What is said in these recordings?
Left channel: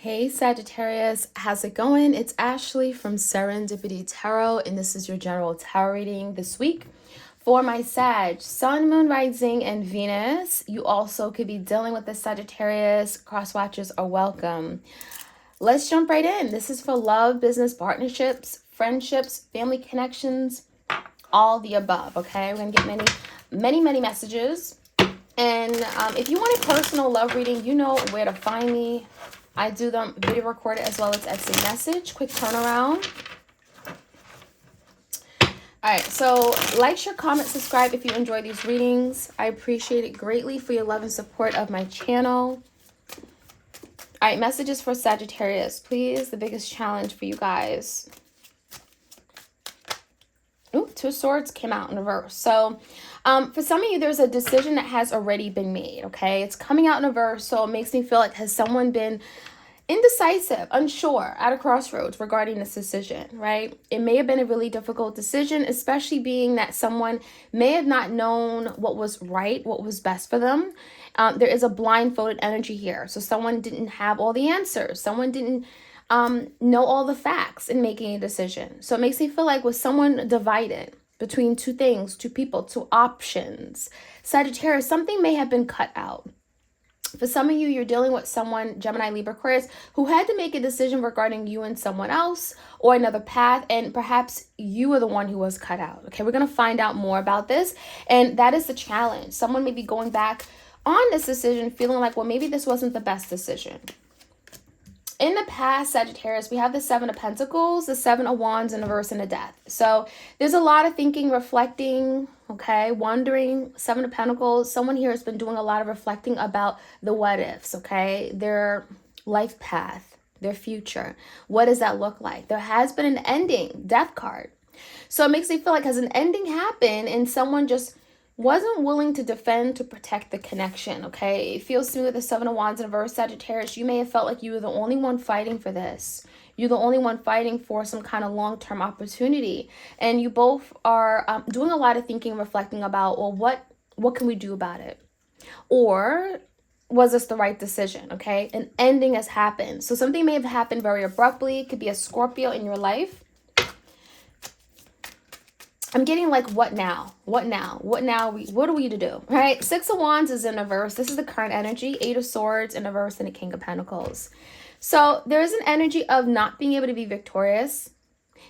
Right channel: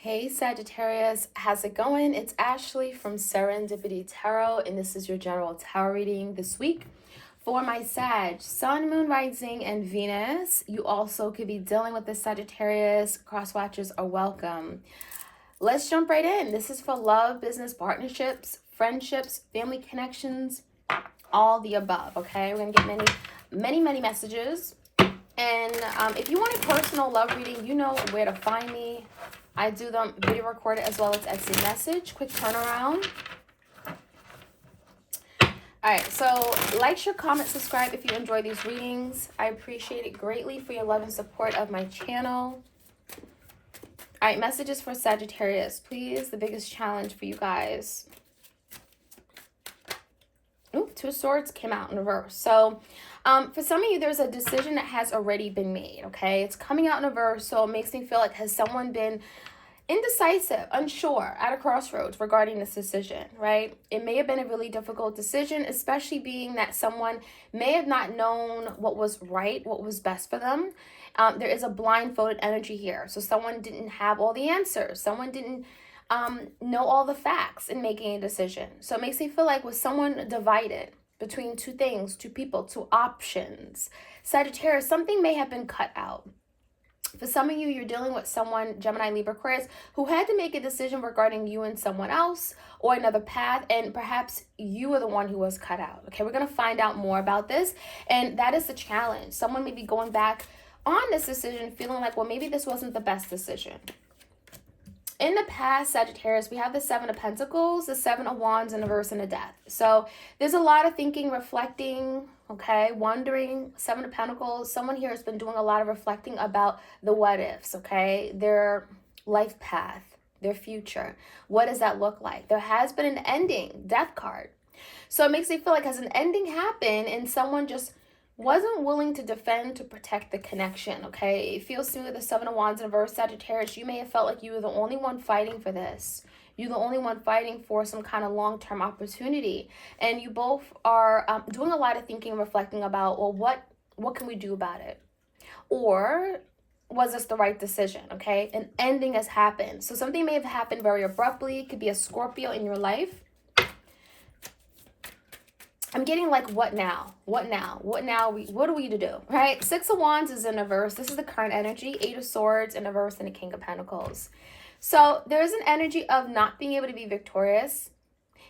Hey Sagittarius, how's it going? It's Ashley from Serendipity Tarot, and this is your general tarot reading this week for my Sag, Sun, Moon, Rising, and Venus. You also could be dealing with the Sagittarius. Cross watchers are welcome. Let's jump right in. This is for love, business, partnerships, friendships, family connections, all the above. Okay, we're gonna get many messages. And if you want a personal love reading, you know where to find me. I do them video recorded as well as Etsy message. Quick turnaround. All right, so like, share, comment, subscribe if you enjoy these readings. I appreciate it greatly for your love and support of my channel. All right, messages for Sagittarius, please. The biggest challenge for you guys. Ooh, Two of Swords came out in reverse. So for some of you, there's a decision that has already been made, okay? It's coming out in reverse, so it makes me feel like, has someone been indecisive, unsure, at a crossroads regarding this decision, right? It may have been a really difficult decision, especially being that someone may have not known what was right, what was best for them. There is a blindfolded energy here. So someone didn't have all the answers. Someone didn't know all the facts in making a decision. So it makes me feel like with someone divided between two things, two people, two options, Sagittarius, something may have been cut out. For some of you, you're dealing with someone, Gemini, Libra, Aquarius, who had to make a decision regarding you and someone else or another path, and perhaps you were the one who was cut out. Okay, we're going to find out more about this, and that is the challenge. Someone may be going back on this decision feeling like, well, maybe this wasn't the best decision. In the past, Sagittarius, we have the Seven of Pentacles, the Seven of Wands, and the reverse, and the Death. So there's a lot of thinking, reflecting, okay, wondering. Seven of Pentacles, someone here has been doing a lot of reflecting about the what ifs, okay, their life path, their future. What does that look like? There has been an ending, Death card. So it makes me feel like, has an ending happened and someone just wasn't willing to defend, to protect the connection, okay? It feels to me with the Seven of Wands in reverse, Sagittarius, you may have felt like you were the only one fighting for this. You're the only one fighting for some kind of long-term opportunity. And you both are doing a lot of thinking and reflecting about, well, what can we do about it? Or was this the right decision, okay? An ending has happened. So something may have happened very abruptly. It could be a Scorpio in your life. I'm getting like, what now? What now? What now? What are we to do? Right? Six of Wands is in reverse. This is the current energy. Eight of Swords in reverse, and the King of Pentacles. So there's an energy of not being able to be victorious,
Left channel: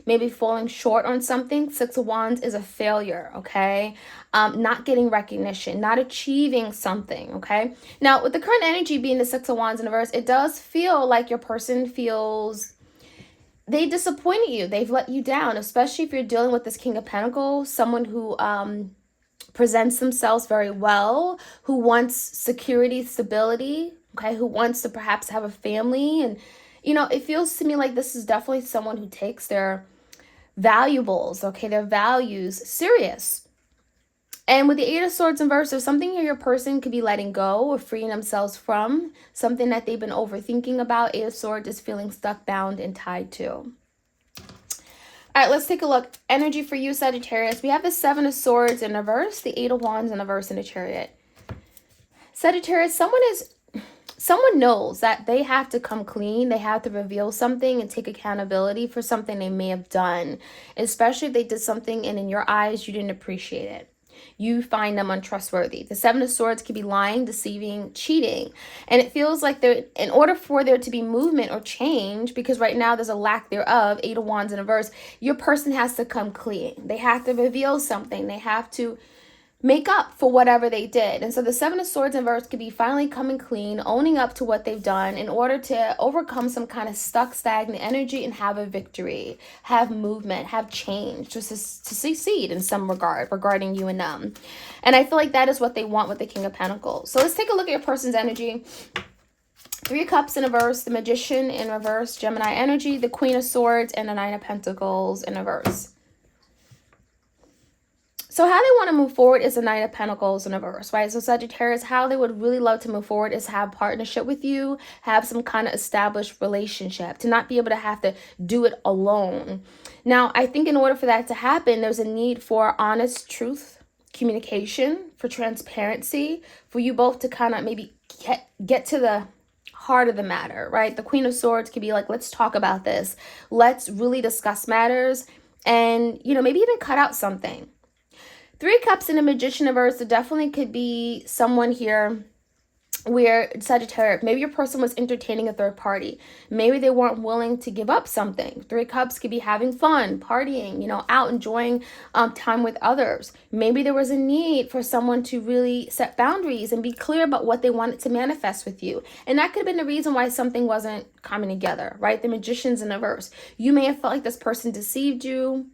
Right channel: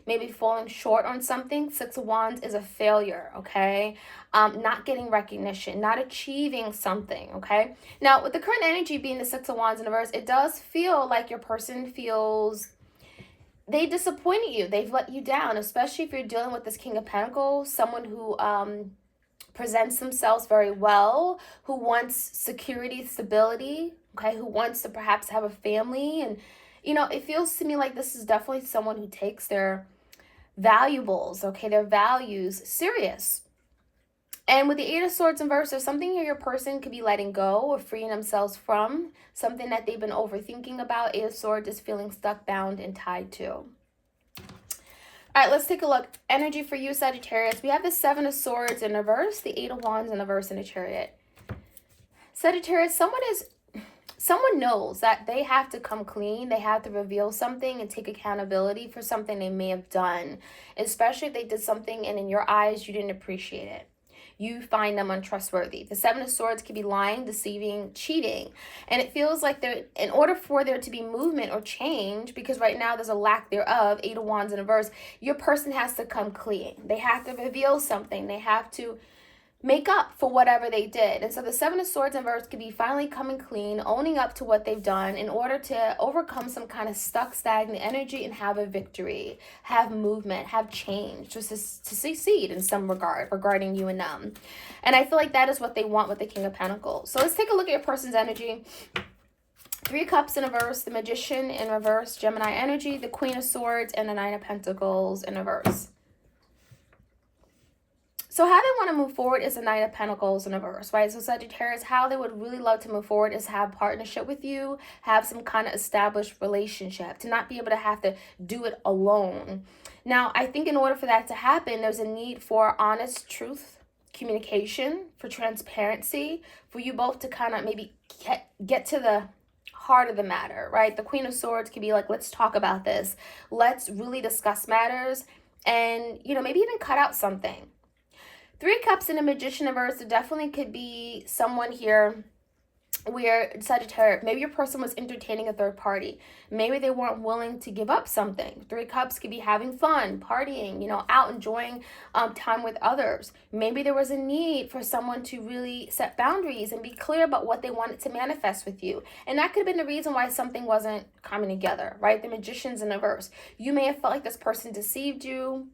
maybe falling short on something. Six of Wands is a failure, okay? Not getting recognition, not achieving something, okay? Now, with the current energy being the Six of Wands in reverse, it does feel like your person feels they disappointed you. They've let you down, especially if you're dealing with this King of Pentacles, someone who presents themselves very well, who wants security, stability, okay, who wants to perhaps have a family. And, you know, it feels to me like this is definitely someone who takes their valuables, okay, their values serious. And with the Eight of Swords in reverse, there's something here your person could be letting go or freeing themselves from, something that they've been overthinking about. Eight of Swords is feeling stuck, bound, and tied to. All right, let's take a look. Energy for you, Sagittarius. We have the Seven of Swords in reverse, the Eight of Wands in reverse, and the Chariot. Sagittarius, someone knows that they have to come clean. They have to reveal something and take accountability for something they may have done, especially if they did something and in your eyes you didn't appreciate it. You find them untrustworthy. The Seven of Swords could be lying, deceiving, cheating. And it feels like in order for there to be movement or change, because right now there's a lack thereof, Eight of Wands in reverse, your person has to come clean. They have to reveal something. They have to make up for whatever they did. And so the Seven of Swords in reverse could be finally coming clean, owning up to what they've done in order to overcome some kind of stuck, stagnant energy and have a victory, have movement, have change, just to succeed in some regard regarding you and them. And I feel like that is what they want with the King of Pentacles. So let's take a look at your person's energy. Three of Cups in reverse, the Magician in reverse, Gemini energy, the Queen of Swords, and the Nine of Pentacles in reverse. So how they want to move forward is the Nine of Pentacles in reverse, right? So Sagittarius, how they would really love to move forward is have partnership with you, have some kind of established relationship, to not be able to have to do it alone. Now, I think in order for that to happen, there's a need for honest truth, communication, for transparency, for you both to kind of maybe get to the heart of the matter, right? The Queen of Swords could be like, let's talk about this. Let's really discuss matters and, you know, maybe even cut out something. Three Cups and the Magician reverse, it definitely could be someone here where Sagittarius, maybe your person was entertaining a third party. Maybe they weren't willing to give up something. Three Cups could be having fun, partying, you know, out enjoying time with others. Maybe there was a need for someone to really set boundaries and be clear about what they wanted to manifest with you. And that could have been the reason why something wasn't coming together, right? The Magician's in reverse. You may have felt like this person deceived you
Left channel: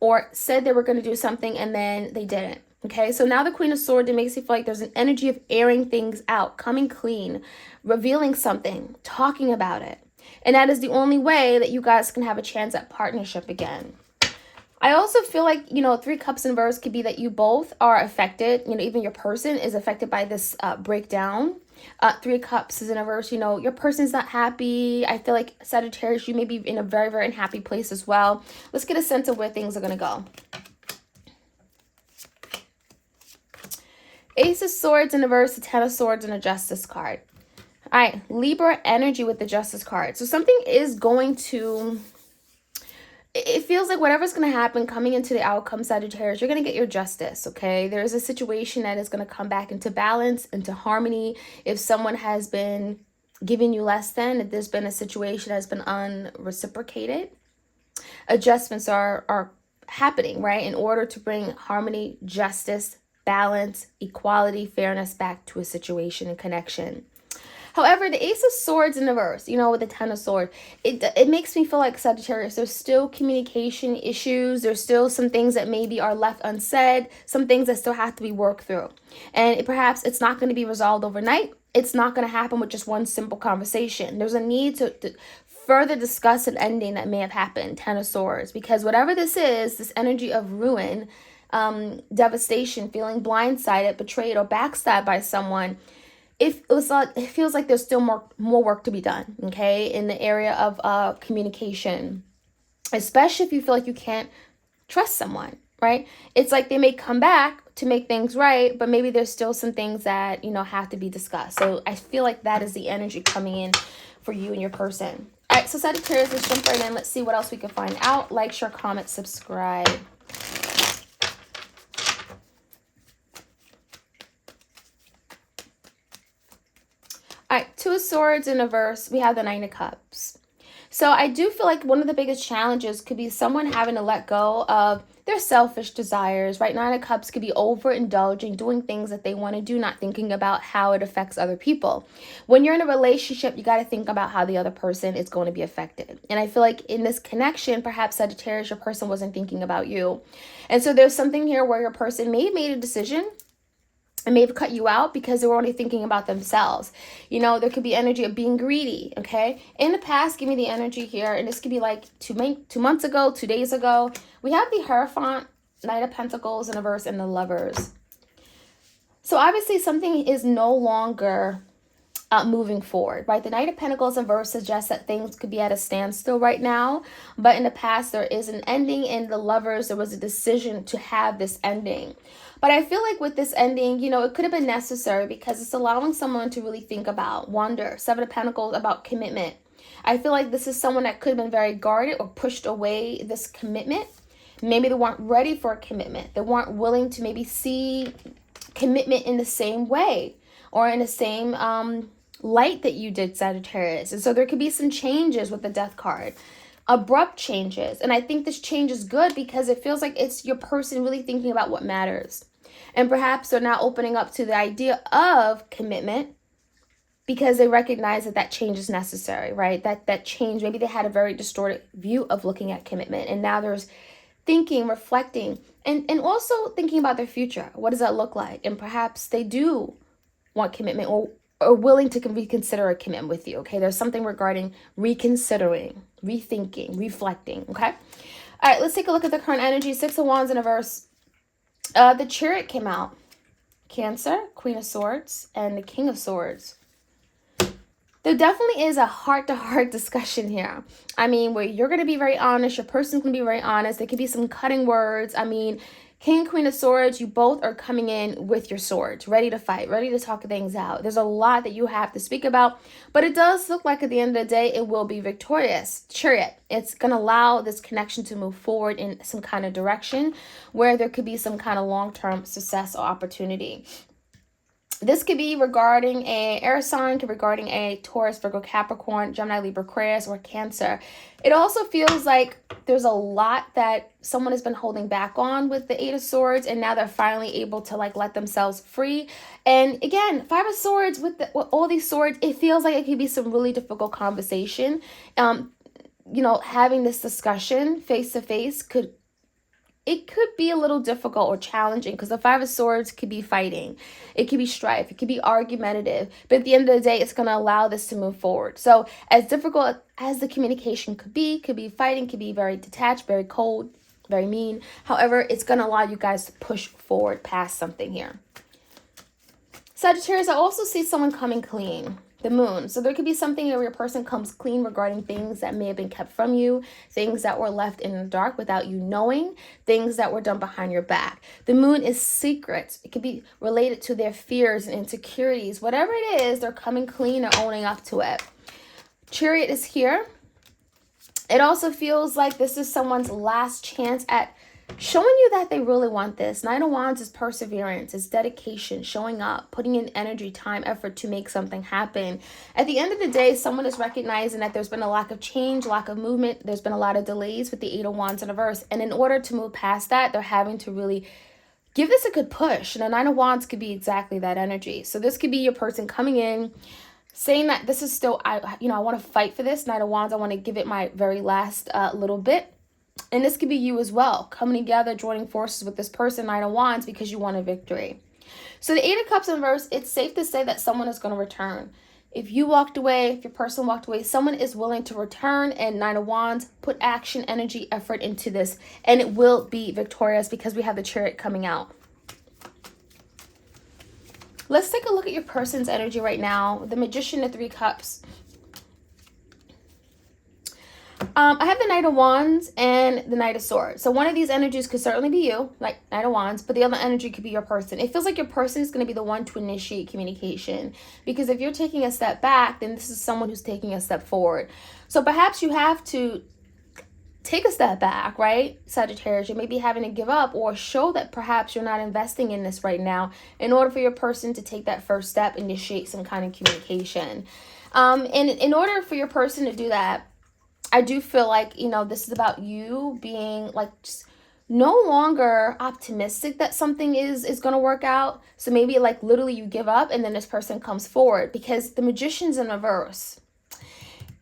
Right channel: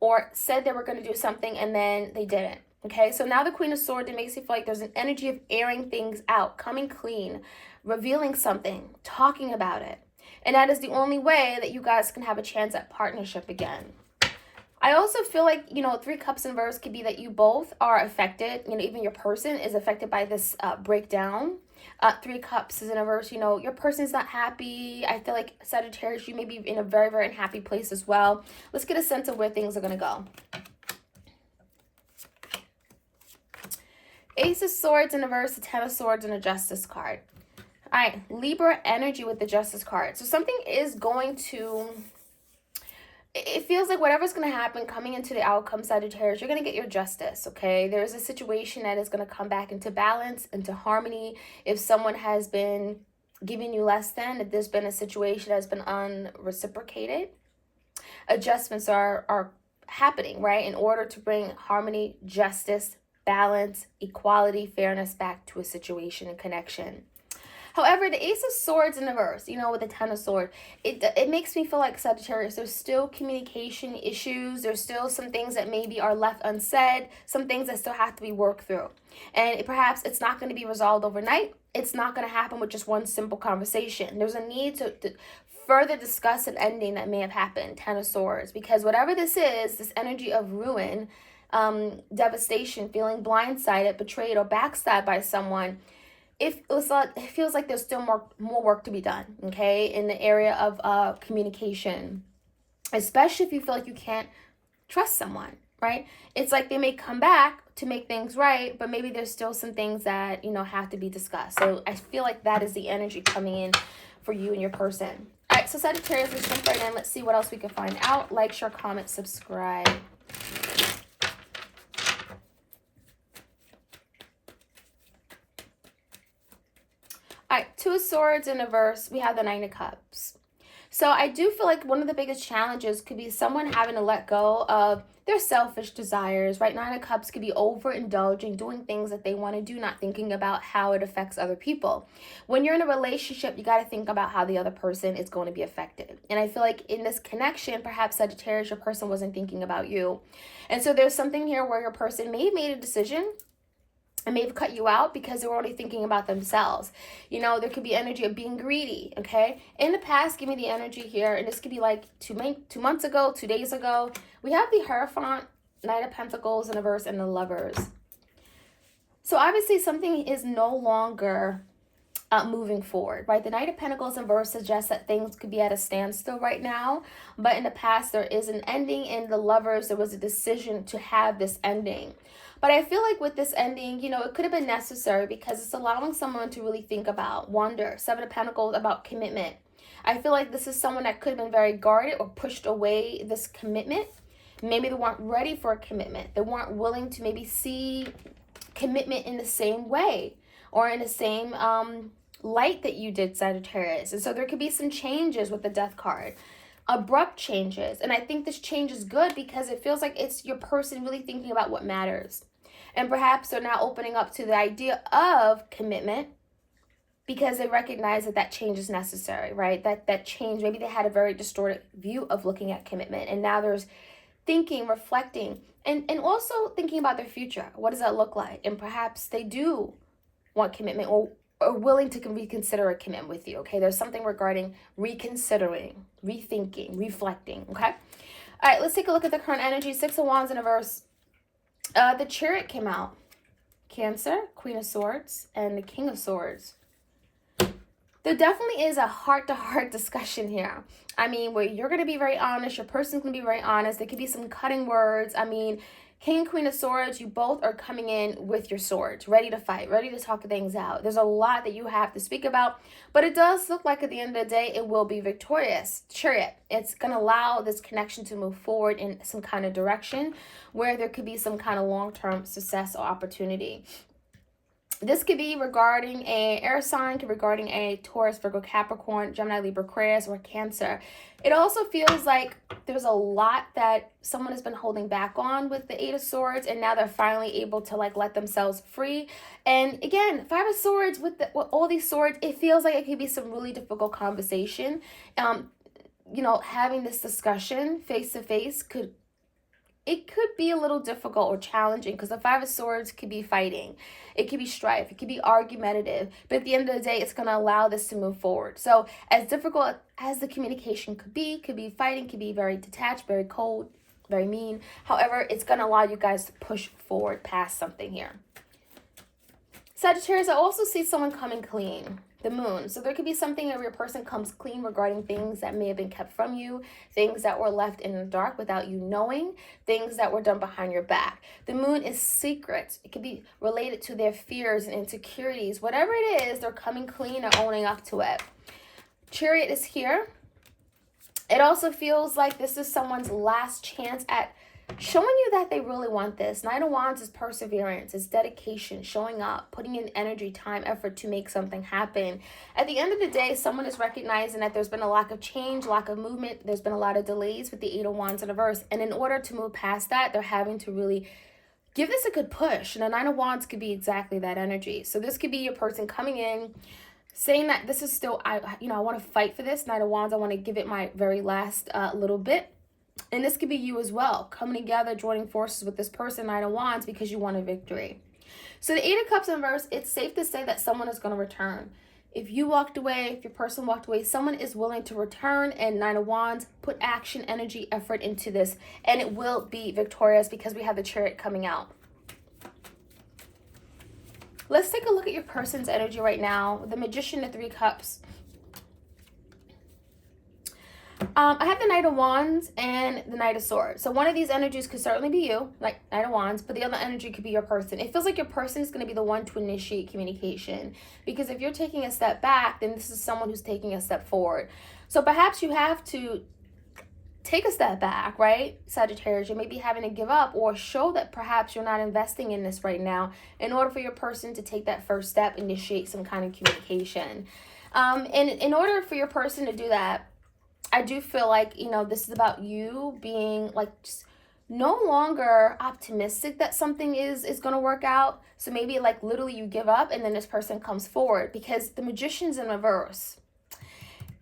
or said they were going to do something and then they didn't. Okay, so now the Queen of Swords, it makes you feel like there's an energy of airing things out, coming clean, revealing something, talking about it. And that is the only way that you guys can have a chance at partnership again. I also feel like, you know, Three Cups in reverse could be that you both are affected. You know, even your person is affected by this breakdown. Three Cups is in reverse. You know, your person's not happy. I feel like Sagittarius, you may be in a very, very unhappy place as well. Let's get a sense of where things are going to go. Ace of Swords in reverse, the Ten of Swords, and a Justice card. All right, Libra energy with the Justice card. So something is going to, it feels like whatever's going to happen coming into the outcome, Sagittarius, you're going to get your justice, okay? There's a situation that is going to come back into balance, into harmony. If someone has been giving you less than, if there's been a situation that's been unreciprocated, adjustments are happening, right? In order to bring harmony, justice, balance, equality, fairness back to a situation and connection. However, the Ace of Swords in reverse, you know, with the Ten of Swords, it makes me feel like Sagittarius, there's still communication issues. There's still some things that maybe are left unsaid, some things that still have to be worked through. And perhaps it's not going to be resolved overnight. It's not going to happen with just one simple conversation. There's a need to further discuss an ending that may have happened, Ten of Swords, because whatever this is, this energy of ruin, devastation, feeling blindsided, betrayed, or backstabbed by someone, it feels like there's still more work to be done, okay, in the area of communication, especially if you feel like you can't trust someone, right? It's like they may come back to make things right, but maybe there's still some things that, you know, have to be discussed. So I feel like that is the energy coming in for you and your person. All right, so Sagittarius, let's jump right in. Let's see what else we can find out. Like, share, comment, subscribe. All right, Two of Swords in reverse, we have the Nine of Cups. So I do feel like one of the biggest challenges could be someone having to let go of their selfish desires, right? Nine of Cups could be overindulging, doing things that they want to do, not thinking about how it affects other people. When you're in a relationship, you got to think about how the other person is going to be affected. And I feel like in this connection, perhaps Sagittarius, your person wasn't thinking about you. And so there's something here where your person may have made a decision and may have cut you out because they were only thinking about themselves. You know, there could be energy of being greedy, okay? In the past, give me the energy here, and this could be like 2 months ago, 2 days ago. We have the Hierophant, Knight of Pentacles in reverse, and the Lovers. So obviously something is no longer moving forward, right? The Knight of Pentacles in reverse suggests that things could be at a standstill right now, but in the past there is an ending, and the Lovers, there was a decision to have this ending. But I feel like with this ending, you know, it could have been necessary because it's allowing someone to really think about, wonder. Seven of Pentacles about commitment. I feel like this is someone that could have been very guarded or pushed away this commitment. Maybe they weren't ready for a commitment. They weren't willing to maybe see commitment in the same way or in the same light that you did, Sagittarius. And so there could be some changes with the Death card. Abrupt changes. And I think this change is good because it feels like it's your person really thinking about what matters. And perhaps they're now opening up to the idea of commitment because they recognize that that change is necessary, right? That change, maybe they had a very distorted view of looking at commitment. And now there's thinking, reflecting, and also thinking about their future. What does that look like? And perhaps they do want commitment or willing to reconsider a commitment with you, okay? There's something regarding reconsidering, rethinking, reflecting, okay? All right, let's take a look at the current energy. Six of Wands in reverse. The Chariot came out. Cancer, Queen of Swords, and the King of Swords. There definitely is a heart-to-heart discussion here. I mean, where you're going to be very honest, your person's going to be very honest. There could be some cutting words. I mean, King and Queen of Swords, you both are coming in with your swords, ready to fight, ready to talk things out. There's a lot that you have to speak about, but it does look like at the end of the day, it will be victorious. Chariot, it's going to allow this connection to move forward in some kind of direction where there could be some kind of long-term success or opportunity. This could be regarding a air sign, could be regarding a Taurus, Virgo, Capricorn, Gemini, Libra, Aquarius, or Cancer. It also feels like there's a lot that someone has been holding back on with the Eight of Swords, and now they're finally able to like let themselves free. And again, Five of Swords with all these swords, it feels like it could be some really difficult conversation. You know, having this discussion face to face could be a little difficult or challenging because the Five of Swords could be fighting. It could be strife. It could be argumentative. But at the end of the day, it's going to allow this to move forward. So as difficult as the communication could be fighting, could be very detached, very cold, very mean. However, it's going to allow you guys to push forward past something here. Sagittarius, I also see someone coming clean. The moon. So there could be something where your person comes clean regarding things that may have been kept from you, things that were left in the dark without you knowing, things that were done behind your back. The moon is secret. It could be related to their fears and insecurities. Whatever it is, they're coming clean and owning up to it. Chariot is here. It also feels like this is someone's last chance at showing you that they really want this. Nine of Wands is perseverance, it's dedication, showing up, putting in energy, time, effort to make something happen. At the end of the day, someone is recognizing that there's been a lack of change, lack of movement. There's been a lot of delays with the Eight of Wands in reverse. And in order to move past that, they're having to really give this a good push. And the Nine of Wands could be exactly that energy. So this could be your person coming in, saying that this is still, I want to fight for this. Nine of Wands, I want to give it my very last little bit. And this could be you as well, coming together, joining forces with this person, Nine of Wands, because you want a victory. So the Eight of Cups in reverse, it's safe to say that someone is going to return. If you walked away, if your person walked away, someone is willing to return. And Nine of Wands, put action, energy, effort into this. And it will be victorious because we have the Chariot coming out. Let's take a look at your person's energy right now. The Magician, the Three Cups. I have the Knight of Wands and the Knight of Swords. So one of these energies could certainly be you, like Knight of Wands, but the other energy could be your person. It feels like your person is going to be the one to initiate communication, because if you're taking a step back, then this is someone who's taking a step forward. So perhaps you have to take a step back, right? Sagittarius, you may be having to give up or show that perhaps you're not investing in this right now in order for your person to take that first step, initiate some kind of communication. And in order for your person to do that, I do feel like, this is about you being like just no longer optimistic that something is going to work out. So maybe like literally you give up and then this person comes forward, because the Magician's in reverse.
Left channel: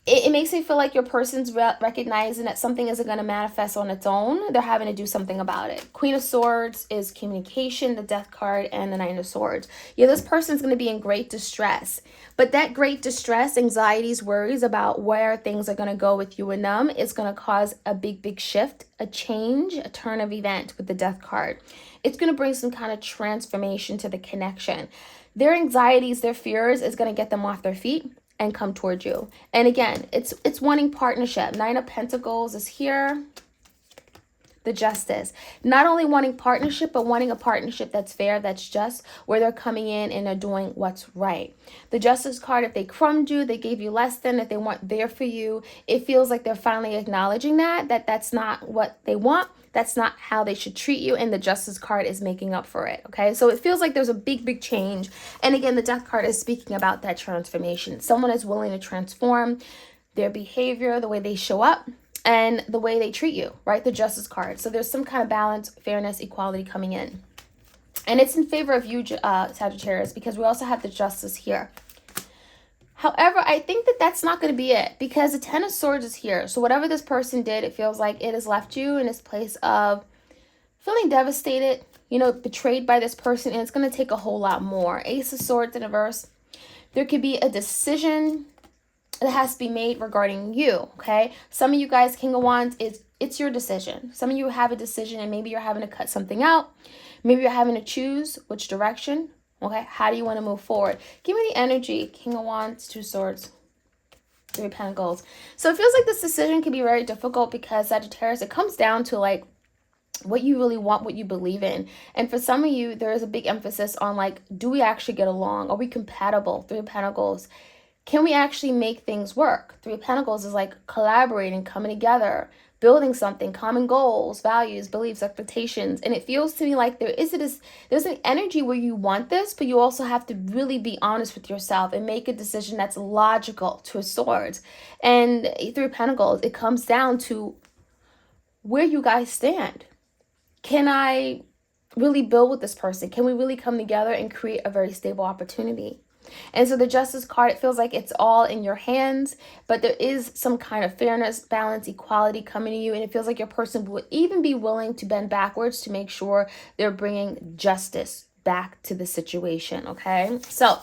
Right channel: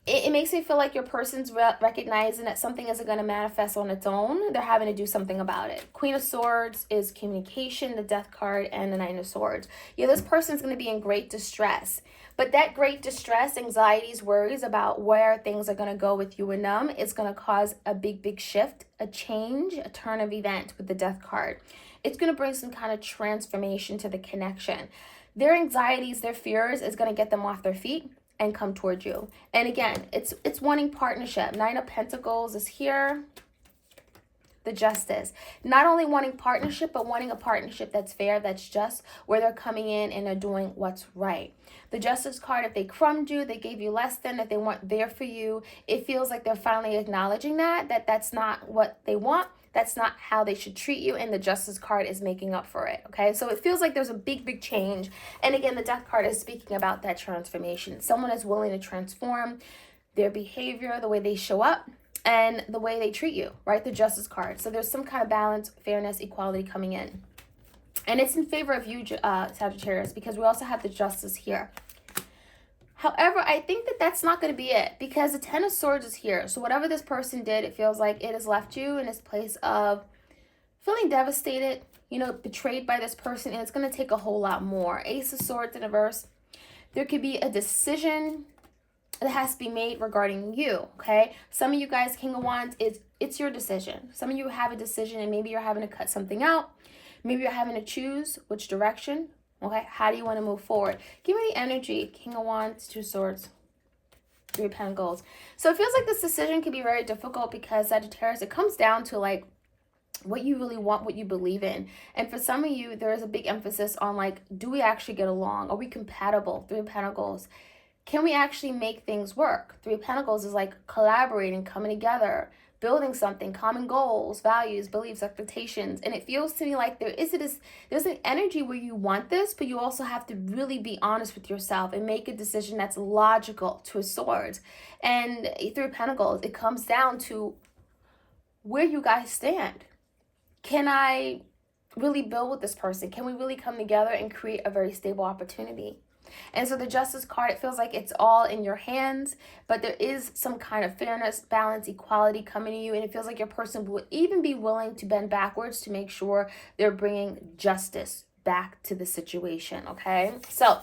It makes me feel like your person's recognizing that something isn't going to manifest on its own. They're having to do something about it. Queen of Swords is communication, the Death card, and the Nine of Swords. Yeah, this person's going to be in great distress. But that great distress, anxieties, worries about where things are going to go with you and them is going to cause a big shift, a change, a turn of event with the Death card. It's going to bring some kind of transformation to the connection. Their anxieties, their fears is going to get them off their feet and come towards you. And again, it's wanting partnership. Nine of Pentacles is here. The Justice. Not only wanting partnership, but wanting a partnership that's fair, that's just, where they're coming in and they're doing what's right. The Justice card, if they crumbed you, they gave you less than, if they weren't there for you, it feels like they're finally acknowledging that that's not what they want. That's not how they should treat you. And the Justice card is making up for it. Okay. So it feels like there's a big change. And again, the Death card is speaking about that transformation. Someone is willing to transform their behavior, the way they show up, and the way they treat you, right? The Justice card. So there's some kind of balance, fairness, equality coming in. And it's in favor of you, Sagittarius, because we also have the Justice here. However, I think that that's not going to be it, because the Ten of Swords is here. So whatever this person did, it feels like it has left you in this place of feeling devastated, betrayed by this person, and it's going to take a whole lot more. Ace of Swords in reverse. There could be a decision that has to be made regarding you, okay? Some of you guys, King of Wands, it's your decision. Some of you have a decision and maybe you're having to cut something out. Maybe you're having to choose which direction, okay? How do you want to move forward? Give me the energy. King of Wands, Two Swords, Three of Pentacles. So it feels like this decision can be very difficult because Sagittarius, it comes down to like what you really want, what you believe in. And for some of you, there is a big emphasis on like, do we actually get along? Are we compatible? Three of Pentacles. Can we actually make things work? Three of Pentacles is like collaborating, coming together, building something, common goals, values, beliefs, expectations. And it feels to me like there's an energy where you want this, but you also have to really be honest with yourself and make a decision that's logical. Two of Swords. And Three of Pentacles, it comes down to where you guys stand. Can I really build with this person? Can we really come together and create a very stable opportunity? And so the Justice card, it feels like it's all in your hands, but there is some kind of fairness, balance, equality coming to you. And it feels like your person would even be willing to bend backwards to make sure they're bringing justice back to the situation, okay? So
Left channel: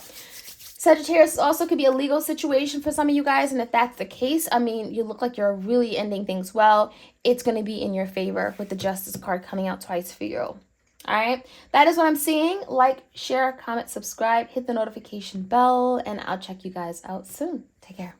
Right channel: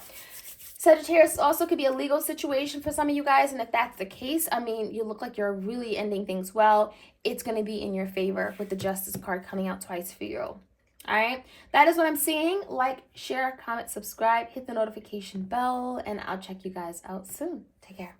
Sagittarius also could be a legal situation for some of you guys. And if that's the case, I mean, you look like you're really ending things well. It's going to be in your favor with the Justice card coming out twice for you. All right. That is what I'm seeing. Like, share, comment, subscribe, hit the notification bell, and I'll check you guys out soon. Take care.